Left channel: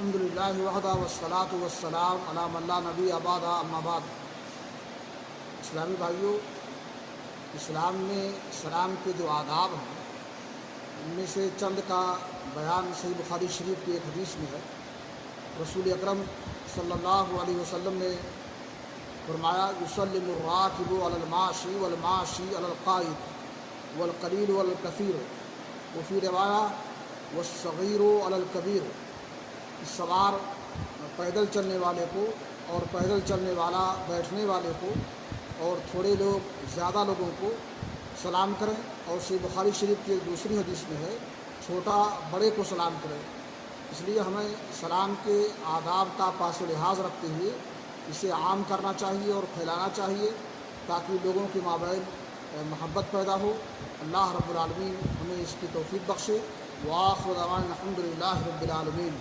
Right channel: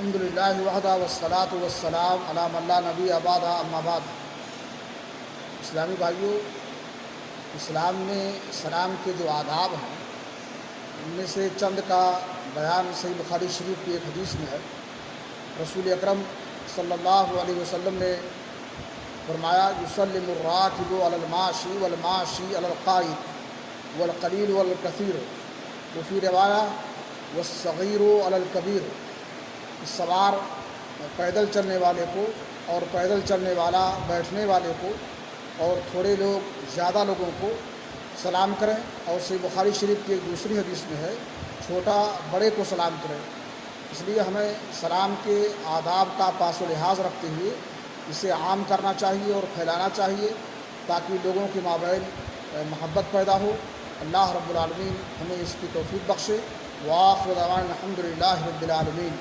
الحمد للہ وحدہ والصلاۃ والسلام علی من لا نبی بعدہ اما بعد۔ اسلامی بھائیوں، اسلام میں سلام کے جو آداب ہیں ان میں سے چند کا بیان صحیح بخاری شریف کی ایک حدیث میں ہے۔ رسول اکرم صلی اللہ علیہ وسلم نے فرمایا یسلم الراکب علی الماشی والماشی علی القائد والقلیل علی الکثیر وفی روایہ والصغیر علی الکبیر۔ سوار پیدل چلنے والے کو اور پیدل چلنے والا بیٹھنے والے کو اور تھوڑے لوگ زیادہ لوگوں کو سلام کریں، اور صحیح بخاری شریف کی ایک دوسری حدیث میں ہے چھوٹا بڑے کو سلام کریں۔ اس لیے ہمیں سلام کے آداب کا پاس و لحاظ رکھتے ہوئے اسے عام کرنا چاہیے اور پھیلانا چاہیے تاکہ لوگوں کے مابین محبت پیدا ہو۔ اللہ رب العالمین ہمیں اس کی توفیق بخشے۔ وآخر دعوانا الحمد للہ رب العالمین۔